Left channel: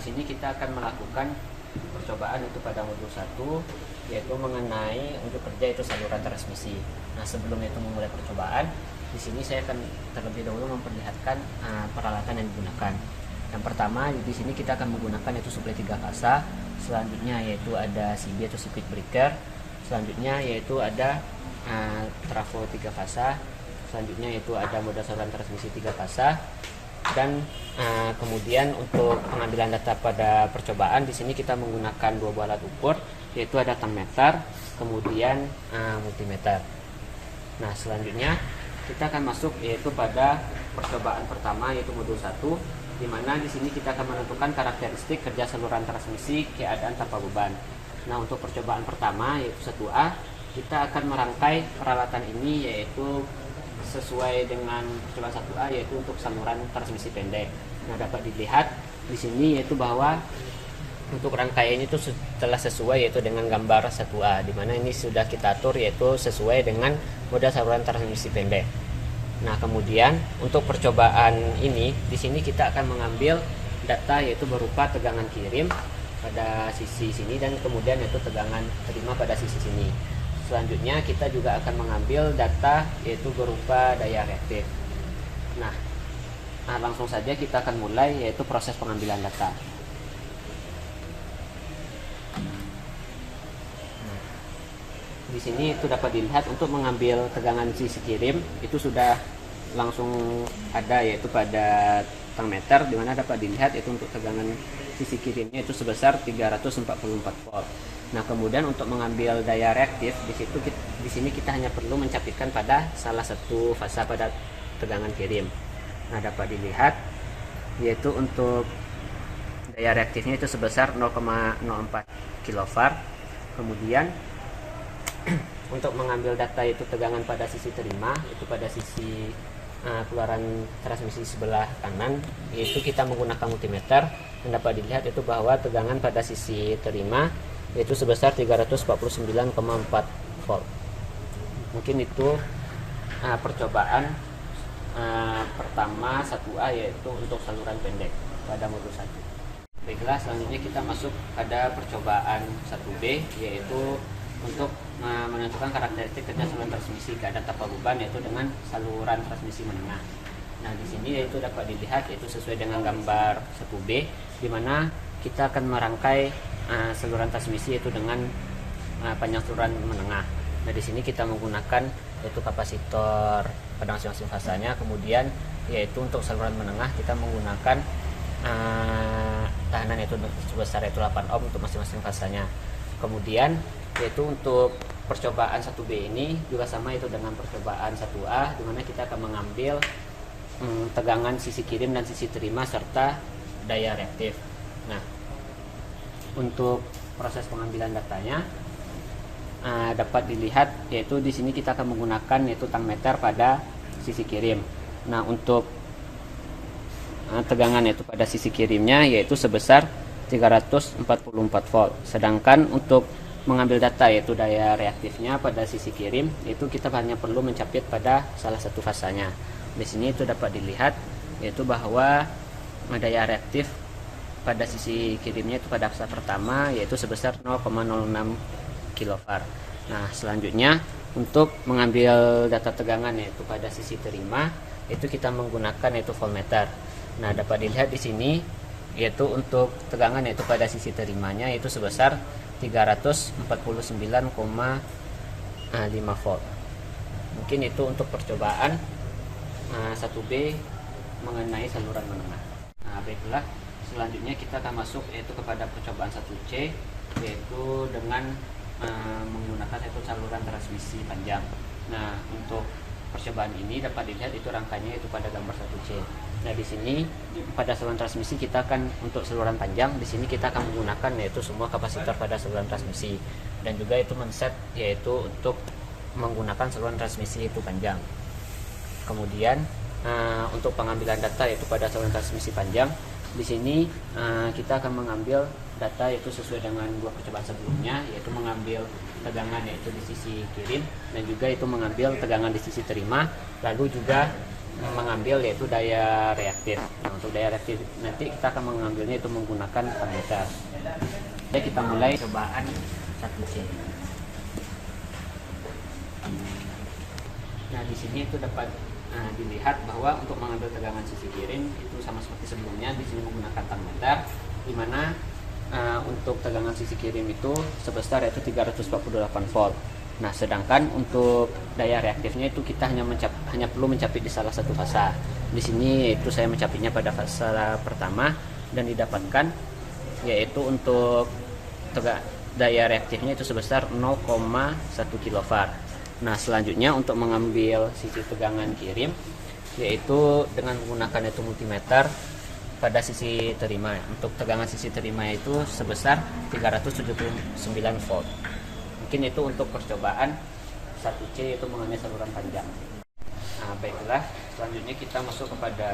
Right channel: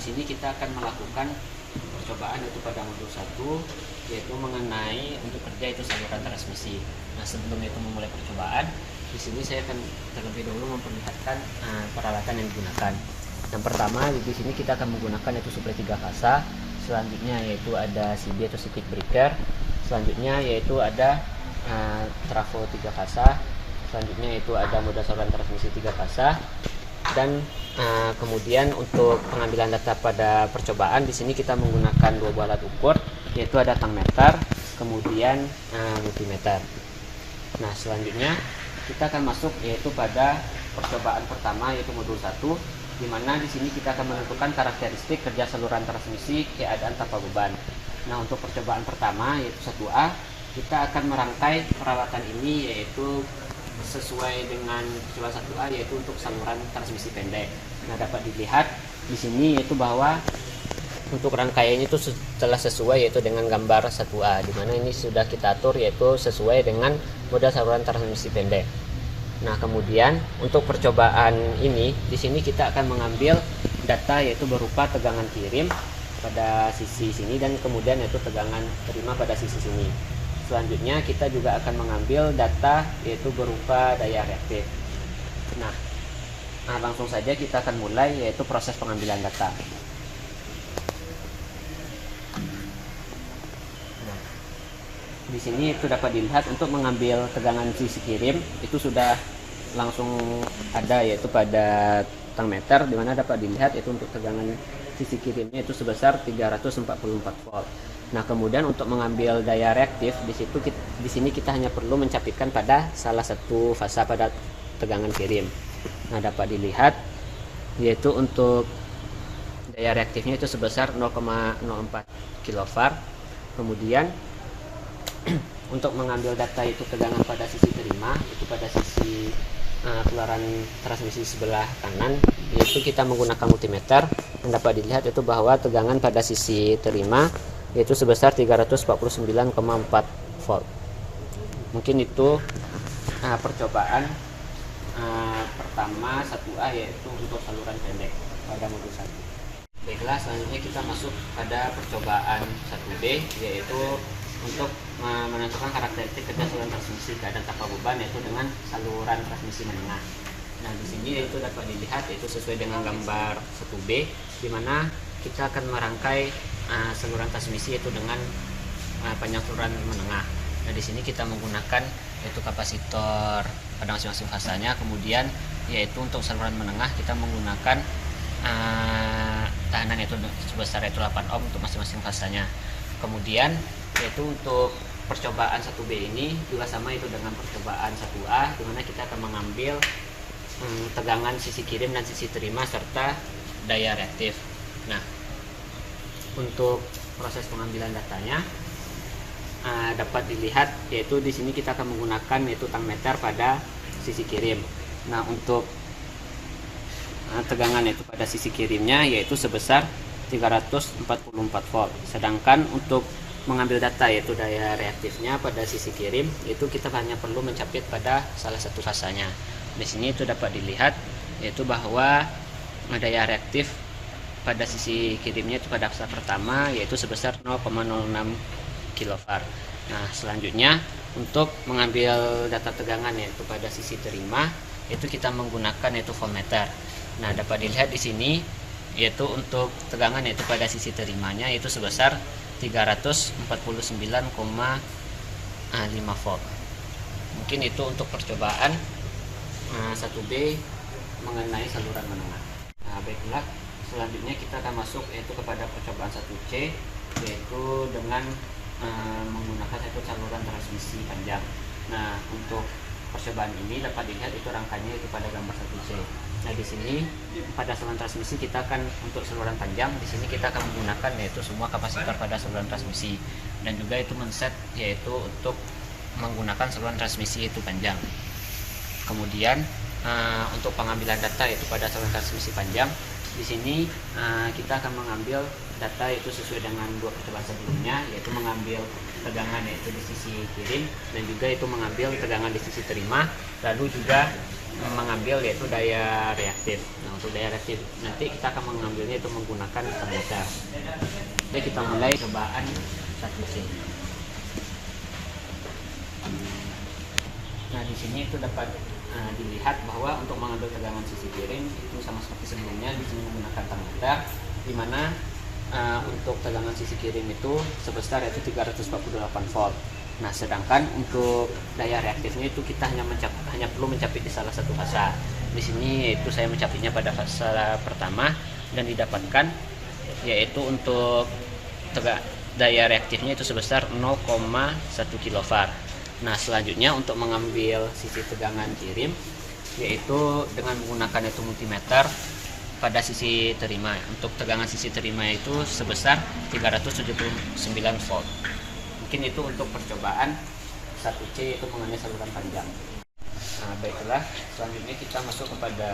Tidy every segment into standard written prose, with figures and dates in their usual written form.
di sini kita akan melakukan percobaan itu pada modul 1, yaitu mengenai untuk kerja itu saluran transmisi. Nah, sebelum itu memulai percobaan, di sini saya akan terlebih dahulu memperlihatkan peralatan yang digunakan. Yang pertama, di sini kita akan menggunakan itu suplai 3 fasa. Selanjutnya yaitu ada CB atau circuit breaker. Selanjutnya yaitu ada trafo 3 fasa. Selanjutnya itu ada modal saluran transmisi 3 fasa. Dan kemudian untuk pengambilan data pada percobaan, di sini kita menggunakan 2 buah alat ukur, yaitu ada tangmeter, kemudian multimeter. Nah, selanjutnya kita akan masuk yaitu pada percobaan pertama, yaitu modul 1, di mana di sini kita akan menentukan karakteristik kerja saluran transmisi keadaan tanpa beban. Nah, untuk percobaan pertama yaitu 1A, kita akan merangkai peralatan ini yaitu sesuai dengan percobaan 1A, yaitu untuk saluran transmisi pendek. Nah, dapat dilihat di sini yaitu bahwa untuk rangkaiannya itu telah sesuai yaitu dengan gambar 1A, di mana ini sudah kita atur yaitu sesuai dengan model saluran transmisi pendek. Nah, kemudian untuk percobaan ini di sini kita akan mengambil data yaitu berupa tegangan kirim pada sisi sini dan kemudian yaitu tegangan terima pada sisi sini. Selanjutnya kita juga akan mengambil data yaitu berupa daya reaktif. Nah, langsung saja kita akan mulai yaitu proses pengambilan data. Di sini itu dapat dilihat untuk mengambil tegangan sisi kirim itu sudah langsung ada yaitu pada tangmeter, di mana dapat dilihat itu untuk tegangan sisi kirimnya itu sebesar 344 volt. Nah, kemudian untuk mengambil daya reaktif di sini kita hanya perlu mencapitkan pada salah satu fasa pada tegangan kirim. Nah, dapat dilihat yaitu untuk daya reaktifnya itu sebesar 0,04 kV. Kemudian untuk mengambil data itu tegangan pada sisi terima itu pada sisi keluaran transmisi sebelah kanan, yaitu kita menggunakan multimeter. Dapat dilihat itu bahwa tegangan pada sisi terima yaitu sebesar 349,4 volt. Mungkin itu percobaan pertama 1A yaitu untuk saluran pendek pada modul 1. Baiklah, selanjutnya kita masuk pada percobaan 1B, yaitu untuk menentukan karakteristik kerja saluran transmisi keadaan tanpa beban yaitu dengan saluran transmisi menengah. Nah, di sini yaitu dapat dilihat yaitu sesuai dengan gambar 1B, di mana kita akan merangkai saluran transmisi yaitu dengan panjang saluran menengah. Nah, di sini kita menggunakan yaitu kapasitor pada masing-masing fasanya. Kemudian yaitu untuk saluran menengah kita menggunakan tahanan yaitu sebesar yaitu 8 ohm untuk masing-masing fasanya. Kemudian yaitu untuk percobaan 1B ini juga sama itu dengan percobaan 1A, di mana kita akan mengambil tegangan sisi kirim dan sisi terima serta daya reaktif. Nah, untuk proses pengambilan datanya dapat dilihat yaitu di sini kita akan menggunakan yaitu tangmeter pada sisi kirim. Nah, untuk tegangan yaitu pada sisi kirimnya yaitu sebesar 344 volt. Sedangkan untuk mengambil data yaitu daya reaktifnya pada sisi kirim itu kita hanya perlu mencapit pada salah satu fasanya. Di sini itu dapat dilihat yaitu bahwa daya reaktif pada sisi kirimnya itu pada fasa pertama yaitu sebesar 0,06 kV. Nah, selanjutnya untuk mengambil data tegangan yaitu pada sisi terima itu kita menggunakan yaitu voltmeter. Nah, dapat dilihat di sini yaitu untuk tegangan yaitu pada sisi terimanya yaitu sebesar 349,5 volt. Mungkin itu untuk percobaan 1B mengenai saluran menengah. Nah, baiklah, selanjutnya kita akan masuk yaitu kepada percobaan 1C, yaitu dengan menggunakan satu saluran transmisi panjang. Nah, untuk percobaan ini dapat dilihat itu rangkanya itu pada gambar 1C. Nah, di sini pada saluran transmisi kita akan untuk saluran panjang, di sini kita akan menggunakan yaitu semua kapasitor pada saluran transmisi dan juga itu men-set yaitu untuk menggunakan saluran transmisi itu panjang. Kemudian untuk pengambilan data yaitu pada saluran transmisi panjang, di sini kita akan mengambil data yaitu sesuai dengan dua percobaan sebelumnya, yaitu mengambil tegangan yaitu di sisi kirim dan juga itu mengambil tegangan di sisi terima, lalu juga mengambil yaitu daya reaktif. Nah, untuk daya reaktif nanti kita akan mengambilnya itu menggunakan voltmeter. Jadi kita mulai cobaan 1C. Nah, di sini itu dapat dilihat bahwa untuk mengambil tegangan sisi kiri itu sama seperti sebelumnya, di sini menggunakan tangmeter, di mana untuk tegangan sisi kiri itu sebesar yaitu 348 volt. Nah, sedangkan untuk daya reaktifnya itu kita hanya perlu mencapit di salah satu fasa. Di sini itu saya mencapitnya pada fasa pertama dan didapatkan yaitu untuk daya reaktifnya itu sebesar 0,1 kV. Nah, selanjutnya untuk mengambil sisi tegangan kirim yaitu dengan menggunakan itu multimeter pada sisi terima. Untuk tegangan sisi terima itu sebesar 379 volt. Mungkin itu untuk percobaan 1C itu mengenai saluran panjang. Nah, baiklah, selanjutnya kita masuk kepada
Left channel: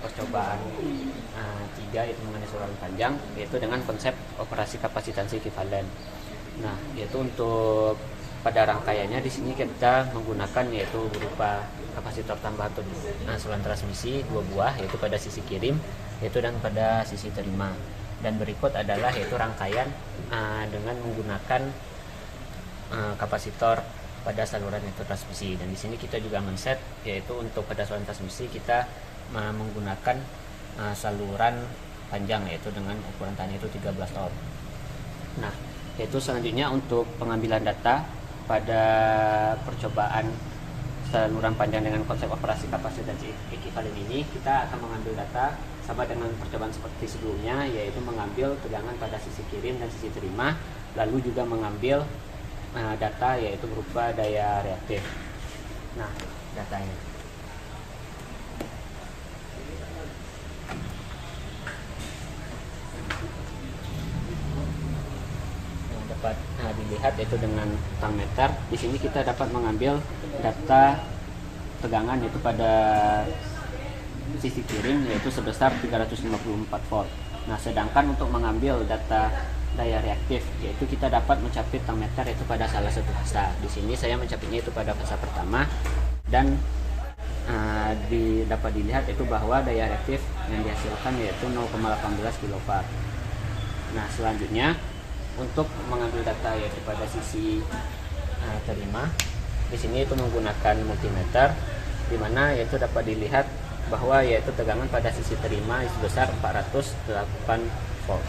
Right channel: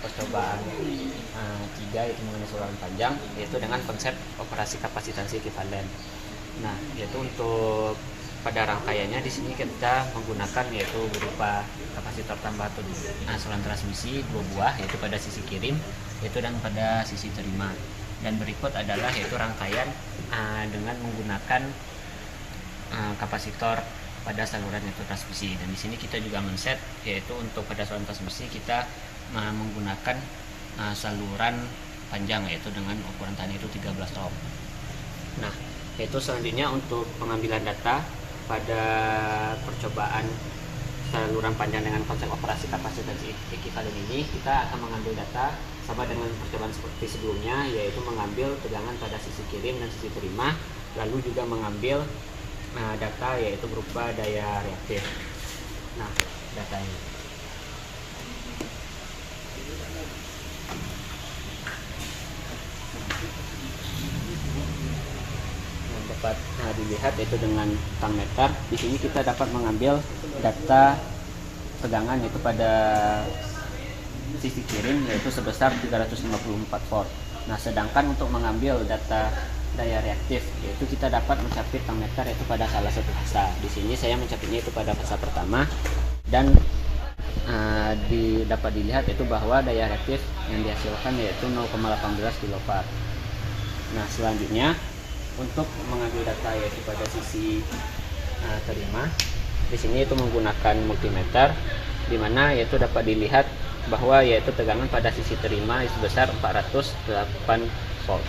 percobaan 3 yaitu mengenai saluran panjang, yaitu dengan konsep operasi kapasitansi ekivalen. Nah, yaitu untuk pada rangkaiannya di sini kita menggunakan yaitu berupa kapasitor tambah atau saluran transmisi 2 buah, yaitu pada sisi kirim yaitu dan pada sisi terima. Dan berikut adalah yaitu rangkaian dengan menggunakan kapasitor pada saluran itu transmisi. Dan di sini kita juga men-set yaitu untuk pada saluran transmisi kita menggunakan saluran panjang yaitu dengan ukuran tahan itu 13 ohm. Nah, yaitu selanjutnya untuk pengambilan data pada percobaan saluran panjang dengan konsep operasi kapasitansi ekivalen ini, kita akan mengambil data sama dengan percobaan seperti sebelumnya, yaitu mengambil tegangan pada sisi kirim dan sisi terima, lalu juga mengambil data yaitu berupa daya reaktif. Nah, datanya dapat dilihat yaitu dengan tangmeter. Di sini kita dapat mengambil data tegangan yaitu pada sisi kirim yaitu sebesar 354 volt. Nah, sedangkan untuk mengambil data daya reaktif yaitu kita dapat mencapit tangmeter yaitu pada salah satu fasa. Di sini saya mencapitnya itu pada fasa pertama dan dapat dilihat itu bahwa daya reaktif yang dihasilkan yaitu 0,18 kW. Nah, selanjutnya untuk mengambil data yaitu pada sisi terima, di sini itu menggunakan multimeter, di mana yaitu dapat dilihat bahwa yaitu tegangan pada sisi terima sebesar 408 volt.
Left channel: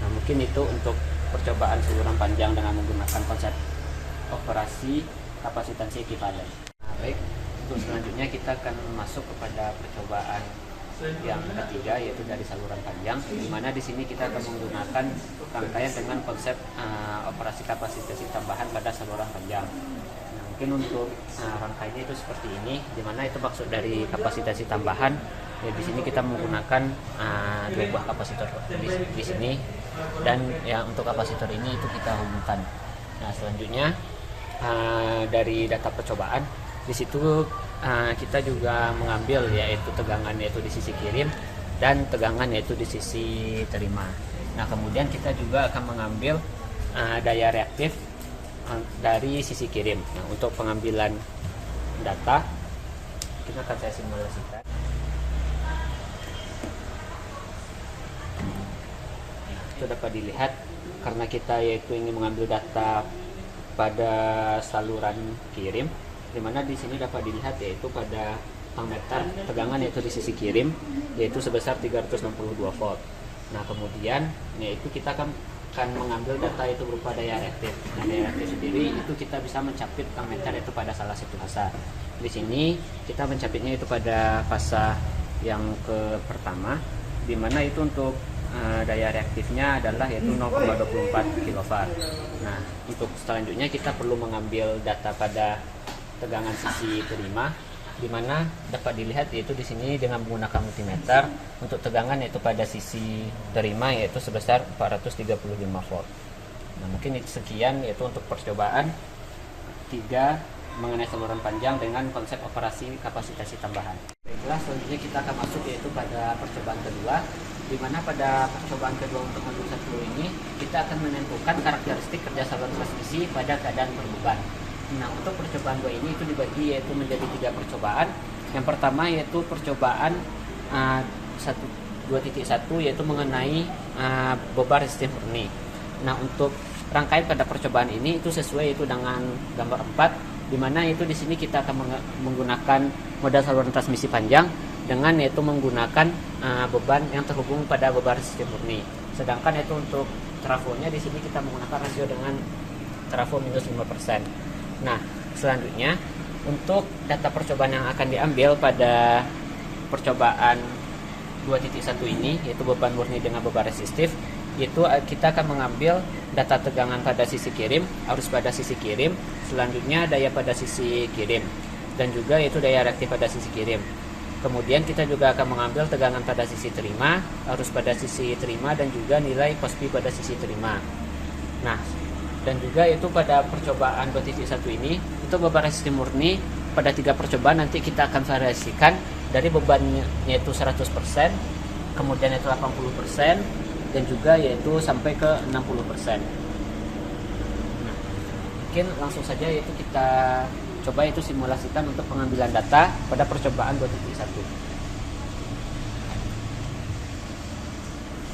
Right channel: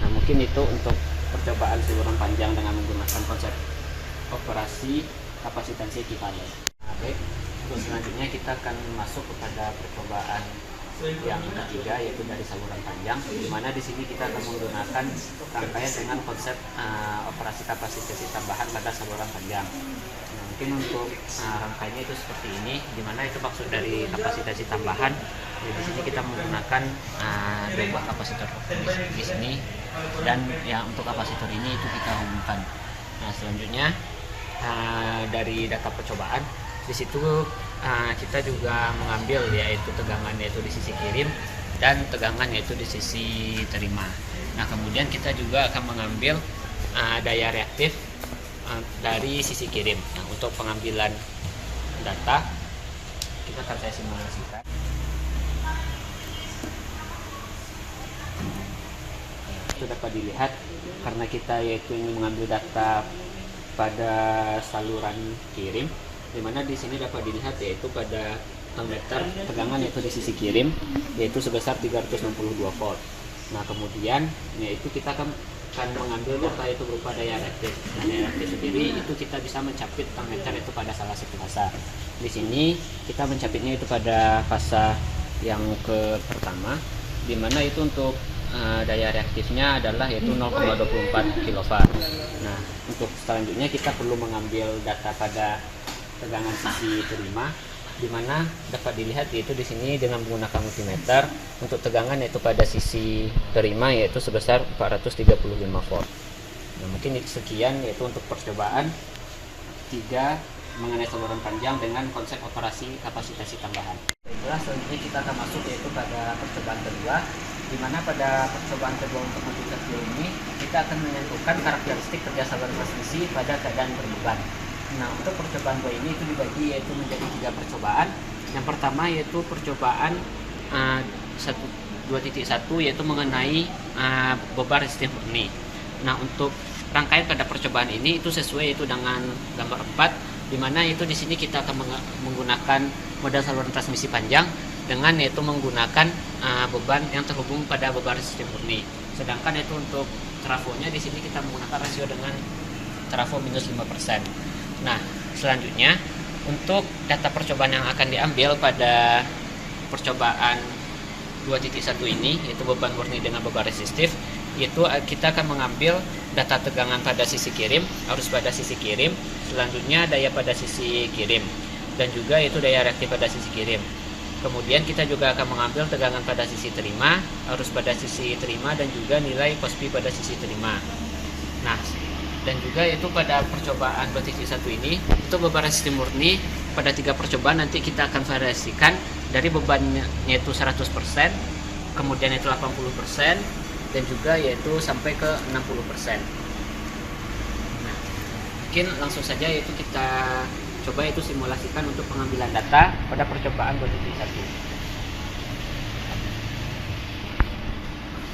Nah, mungkin itu untuk percobaan saluran panjang dengan menggunakan konsep operasi kapasitansi ekivalen. Nah, baik, untuk selanjutnya kita akan masuk kepada percobaan yang ketiga yaitu dari saluran panjang, di mana di sini kita akan menggunakan rangkaian dengan konsep operasi kapasitansi tambahan pada saluran panjang. Nah, mungkin untuk rangkaiannya itu seperti ini, di mana itu maksud dari kapasitansi tambahan. Ya, di sini kita menggunakan 2 buah kapasitor di sini, dan ya untuk kapasitor ini itu kita hubungkan. Nah, selanjutnya dari data percobaan di situ kita juga mengambil yaitu tegangan yaitu di sisi kirim dan tegangan yaitu di sisi terima. Nah, kemudian kita juga akan mengambil daya reaktif dari sisi kirim. Nah, untuk pengambilan data kita akan saya simulasikan. Itu dapat dilihat karena kita yaitu ingin mengambil data pada saluran kirim, dimana di sini dapat dilihat yaitu pada ammeter tegangan yaitu di sisi kirim yaitu sebesar 362 volt. Nah, kemudian yaitu kita akan mengambil data itu berupa daya reaktif. Nah, daya reaktif sendiri itu kita bisa mencapit ammeter itu pada salah satu fasa. Di sini kita mencapitnya itu pada fasa yang pertama, di mana itu untuk daya reaktifnya adalah yaitu 0,24 kW. Nah, untuk selanjutnya kita perlu mengambil data pada tegangan sisi terima, di mana dapat dilihat yaitu di sini dengan menggunakan multimeter untuk tegangan yaitu pada sisi terima yaitu sebesar 435 volt. Nah, mungkin itu sekian yaitu untuk percobaan 3 mengenai saluran panjang dengan konsep operasi kapasitasi tambahan. Baiklah, selanjutnya kita akan masuk yaitu pada percobaan kedua, di mana pada percobaan kedua untuk modul 1 ini kita akan menentukan karakteristik kerja saluran transmisi pada keadaan berbeban. Nah, untuk percobaan 2 ini itu dibagi yaitu menjadi 3 percobaan. Yang pertama yaitu percobaan 2.1 yaitu mengenai beban resistif murni. Nah, untuk rangkaian pada percobaan ini itu sesuai itu dengan gambar 4, di mana itu di sini kita akan menggunakan modal saluran transmisi panjang dengan yaitu menggunakan beban yang terhubung pada beban resistif murni. Sedangkan itu untuk trafonya di sini kita menggunakan rasio dengan trafo minus 5%. Nah, selanjutnya untuk data percobaan yang akan diambil pada percobaan 2.1 ini yaitu beban murni dengan beban resistif, yaitu kita akan mengambil data tegangan pada sisi kirim, arus pada sisi kirim, selanjutnya daya pada sisi kirim, dan juga yaitu daya reaktif pada sisi kirim. Kemudian kita juga akan mengambil tegangan pada sisi terima, arus pada sisi terima, dan juga nilai cospi pada sisi terima. Nah, dan juga itu pada percobaan 2.1 ini untuk beban resistif murni pada 3 percobaan nanti kita akan variasikan dari bebannya yaitu 100%, kemudian itu 80%, dan juga yaitu sampai ke 60%. Nah, mungkin langsung saja yaitu kita coba itu simulasikan untuk pengambilan data pada percobaan 2.1.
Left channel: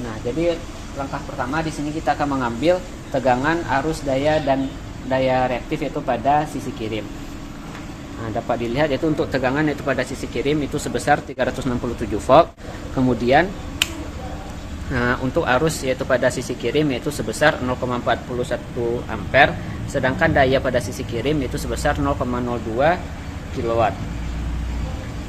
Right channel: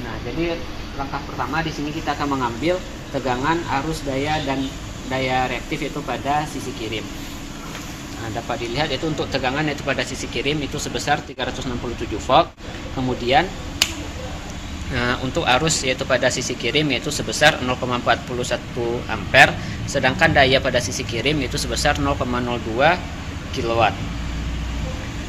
Nah, jadi langkah pertama di sini kita akan mengambil tegangan, arus, daya, dan daya reaktif yaitu pada sisi kirim. Nah, dapat dilihat yaitu untuk tegangan yaitu pada sisi kirim itu sebesar 367 volt. Kemudian untuk arus yaitu pada sisi kirim yaitu sebesar 0,41 ampere, sedangkan daya pada sisi kirim yaitu sebesar 0,02 kilowatt.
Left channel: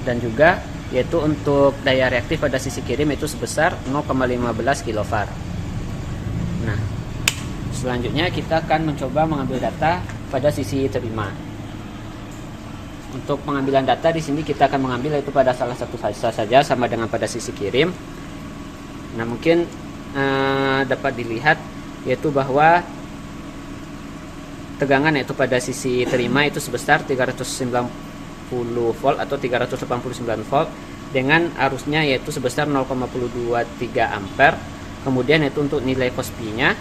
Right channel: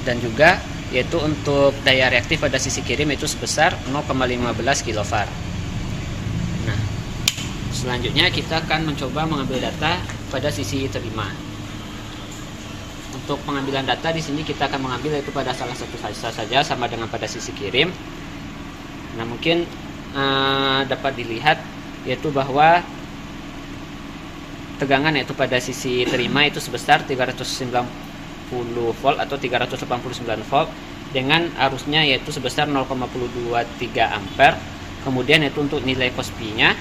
Dan juga yaitu untuk daya reaktif pada sisi kirim itu sebesar 0,15 kilofarad. Nah, selanjutnya kita akan mencoba mengambil data pada sisi terima. Untuk pengambilan data di sini kita akan mengambil yaitu pada salah satu fase saja sama dengan pada sisi kirim. Nah, mungkin dapat dilihat yaitu bahwa tegangan yaitu pada sisi terima itu sebesar 390 volt atau 389 volt dengan arusnya yaitu sebesar 0,23 ampere. Kemudian itu untuk nilai cospi-nya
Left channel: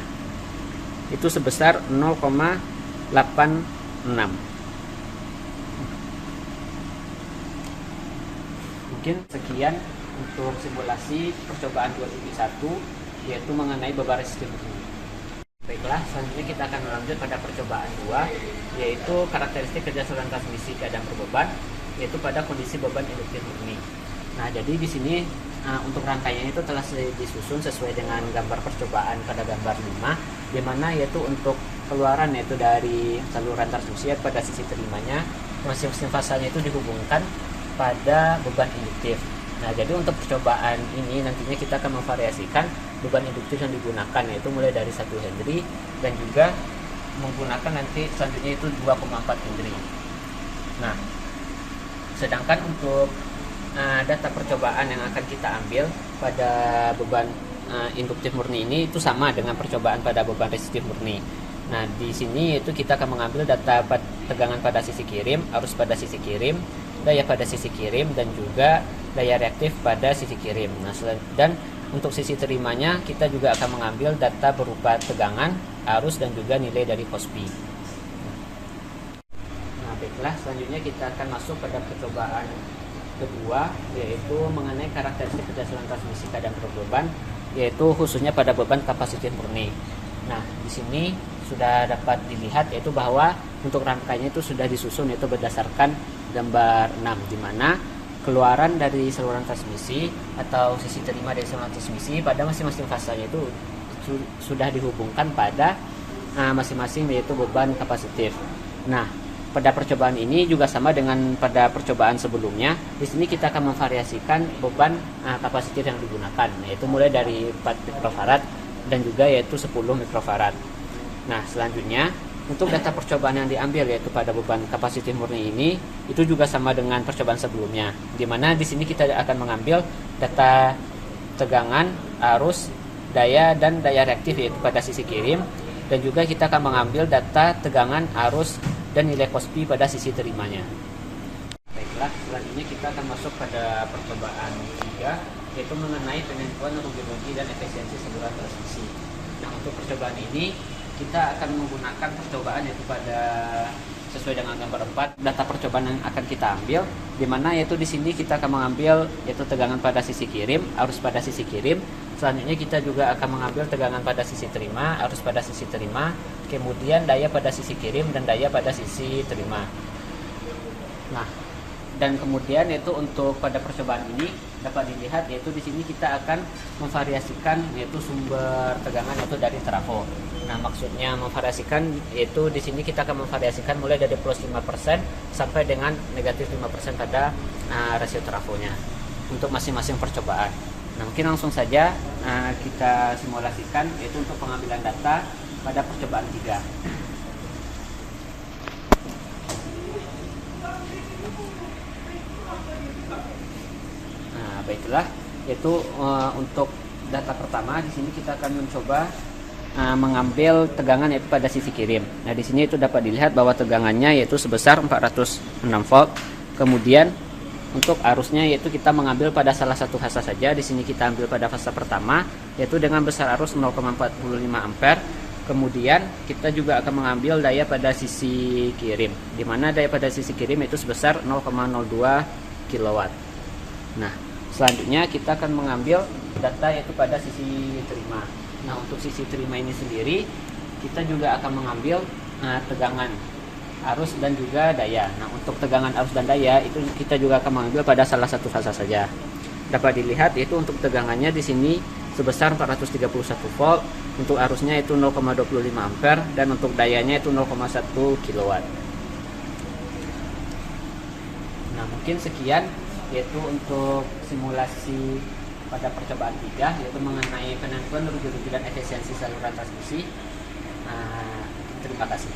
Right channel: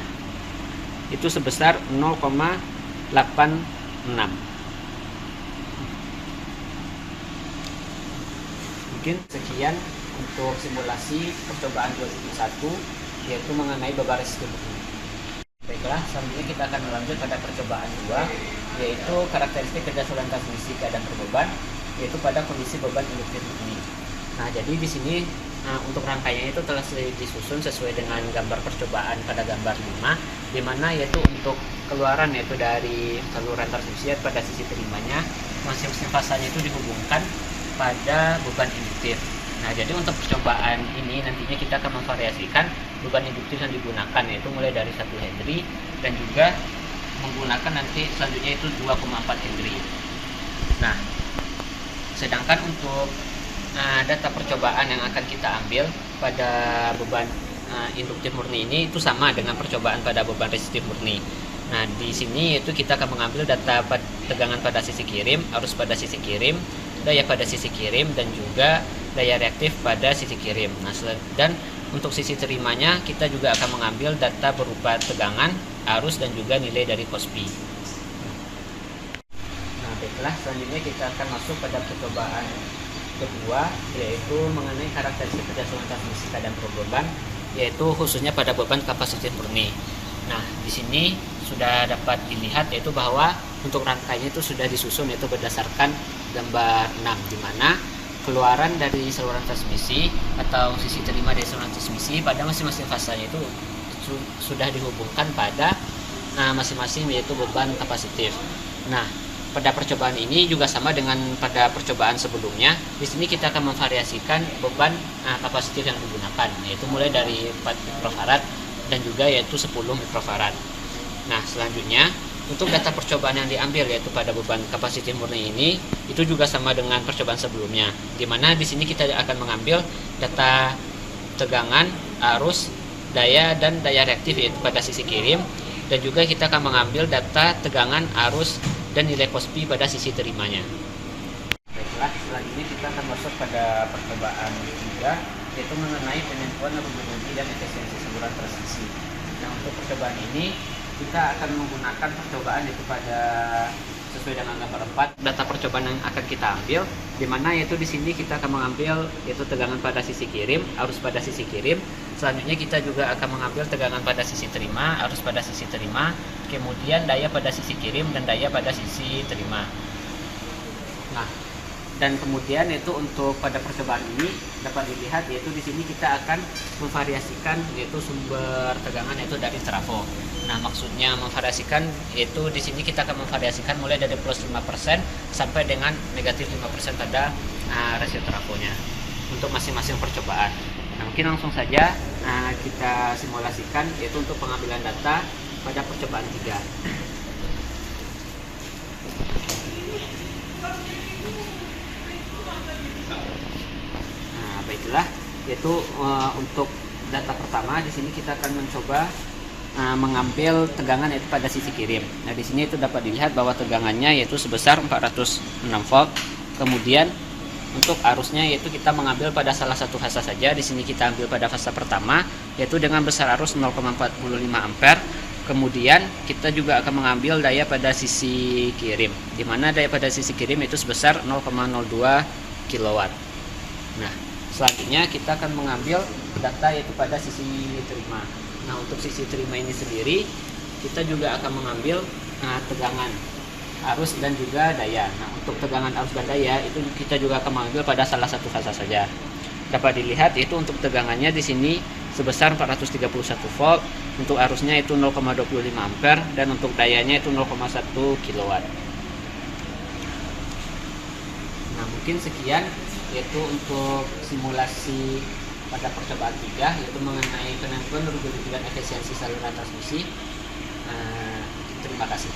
itu sebesar 0,86. Mungkin sekian untuk simulasi percobaan 2.1 yaitu mengenai beban resistif murni. Baiklah, selanjutnya kita akan melanjut pada percobaan 2 yaitu karakteristik kerja saluran transmisi keadaan berbeban yaitu pada kondisi beban induktif murni. Nah, jadi di sini untuk rangkaiannya itu telah disusun sesuai dengan gambar percobaan pada gambar 5, di mana yaitu untuk keluaran yaitu dari saluran transmisi pada sisi terimanya masing-masing fasanya itu dihubungkan pada beban induktif. Nah, jadi untuk percobaan ini nantinya kita akan memvariasikan beban induktif yang digunakan yaitu mulai dari 1 Henry dan juga menggunakan nanti selanjutnya itu 2,4 Henry. Nah, sedangkan untuk data percobaan yang akan kita ambil pada beban induktif murni ini itu sama dengan percobaan pada beban resistif murni. Nah, di sini itu kita akan mengambil data tegangan pada sisi kirim, arus pada sisi kirim, daya pada sisi kirim, dan juga daya reaktif pada sisi kirim. Nah, dan untuk sisi terimanya kita juga akan mengambil data berupa tegangan, arus, dan juga nilai dari cospi. Nah, baiklah, selanjutnya kita akan masuk pada percobaan kedua yaitu mengenai karakteristik kerja saluran transmisi keadaan berbeban yaitu khususnya pada beban kapasitif murni. Nah, di sini sudah dapat dilihat yaitu bahwa untuk rangkaiannya itu sudah disusun yaitu berdasarkan gambar 6, di mana keluaran dari saluran transmisi atau sisi terima dari saluran transmisi pada masing-masing fasanya itu sudah dihubungkan pada masing-masing yaitu beban kapasitif. Nah, pada percobaan ini juga sama dengan pada percobaan sebelumnya. Di sini kita akan memvariasikan beban kapasitif yang digunakan, yaitu mulai dari 4 mikrofarad dan juga yaitu 10 mikrofarad. Nah, selanjutnya untuk data percobaan yang diambil yaitu pada beban kapasitif murni ini itu juga sama dengan percobaan sebelumnya, di mana di sini kita akan mengambil data tegangan, arus, daya, dan daya reaktif yaitu pada sisi kirim, dan juga kita akan mengambil data tegangan, arus, dan nilai cospi pada sisi terimanya. Baiklah, selanjutnya kita akan masuk pada percobaan 3 yaitu mengenai penentuan rugi-rugi dan efisiensi saluran transmisi. Nah, untuk percobaan ini kita akan menggunakan percobaan yaitu pada sesuai dengan gambar 4 data percobaan yang akan kita ambil, di mana yaitu di sini kita akan mengambil yaitu tegangan pada sisi kirim, arus pada sisi kirim. Selanjutnya kita juga akan mengambil tegangan pada sisi terima, arus pada sisi terima, kemudian daya pada sisi kirim dan daya pada sisi terima. Nah, dan kemudian yaitu untuk pada percobaan ini dapat dilihat yaitu di sini kita akan memvariasikan yaitu sumber tegangan yaitu dari trafo. Nah, maksudnya memvariasikan yaitu di sini kita akan memvariasikan mulai dari plus 5% sampai dengan negatif 5% pada rasio trafonya untuk masing-masing percobaan. Nah, mungkin langsung saja kita simulasikan yaitu untuk pengambilan data pada percobaan 3. Baiklah, yaitu untuk data pertama di sini kita akan mencoba mengambil tegangan yaitu pada sisi kirim. Nah, di sini itu dapat dilihat bahwa tegangannya yaitu sebesar 406 volt. Kemudian untuk arusnya yaitu kita mengambil pada salah satu fase saja. Di sini kita ambil pada fase pertama yaitu dengan besar arus 0,45 ampere. Kemudian kita juga akan mengambil daya pada sisi kirim, di mana daya pada sisi kirim itu sebesar 0,02 kW. Nah, selanjutnya kita akan mengambil data yaitu pada sisi terima. Nah, untuk sisi terima ini sendiri kita juga akan mengambil tegangan arus dan juga daya. Nah, untuk tegangan arus dan daya itu kita juga akan mengambil pada salah satu fase saja. Dapat dilihat yaitu untuk tegangannya di sini sebesar 431 volt, untuk arusnya itu 0,25 ampere dan untuk dayanya itu 0,1 kW. Nah, mungkin sekian yaitu untuk simulasi pada percobaan 3 yaitu mengenai penentuan rujukan efisiensi saluran transmisi. Terima kasih.